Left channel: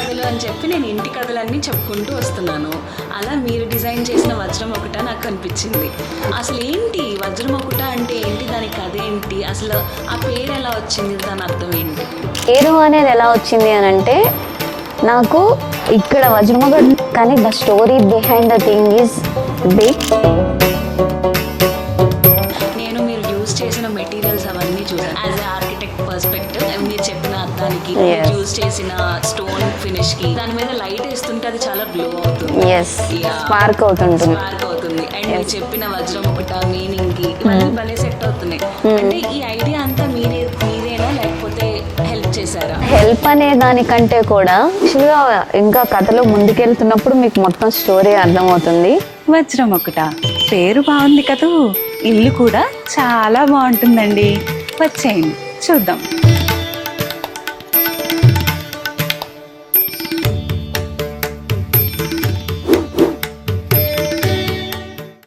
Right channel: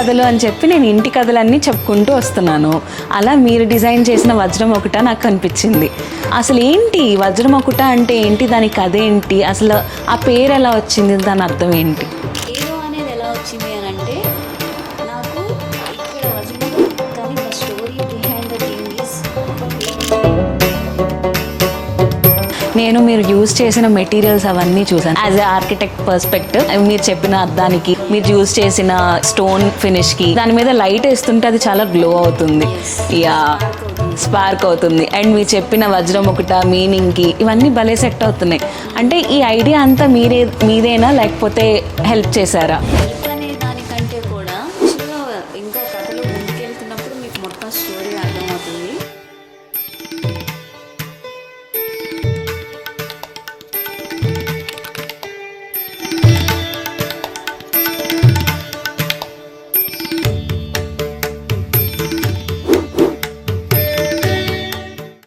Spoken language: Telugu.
కథలు అని చెప్పి నేను ఇంటి కథలన్నీ చెప్పుకుంటూ వస్తున్నాను. అలా మీరు డిజైన్ చేసిన వజ్రం ఒకట నాకు కనిపించింది. అసలు ఏంటి వజ్రం ఒకట అంటే ఏంటి, దాని కథ ఏంటి, అసలు ఆ పేరు ఎలా వచ్చింది, దాని అర్థం ఏంటి? పేరు అనేది ఎలా వచ్చింది అని అంటే, నాకు ఇక్కడ వజ్రముఖ కానీ the story behind the thing is big. నేను మీరు యూజ్ చేసిన మెటీరియల్స్ అవన్నీ చూసాను. యాజ్ ఎ ఆర్కిటెక్ట్ పర్స్పెక్టివ్ మీరు చెప్పిన అర్థానికి, మీరు యూజ్ చేసిన స్టోన్ ఫినిష్ కి, దాని మీద లైట్ వేస్తుంటే అది చాలా గ్లో అవుతుంది, స్పార్క్ అవుతుంది. అండ్ మీరు చెప్పిన వజ్రం ఒకట మీనింగ్ కి ఇవన్నీ భలే సెట్ అవుతున్నాయి. అంటే ఈ ఐడియా అంతా మీరేనా లేకపోతే హెల్ప్ చేశారా? హెల్ప్ అనే దానికంటే కూడా ఇంకా కథలో ముందుకెళ్తున్నప్పుడు మీకు మొత్తం స్టోరీ అర్థమవుతుంది. వజ్రం ఒకట పేరు బాగుంది కదూ, ఇల్లు కూడా చాలా బాగుంటుందండి. వచ్చేయండి చూద్దాం.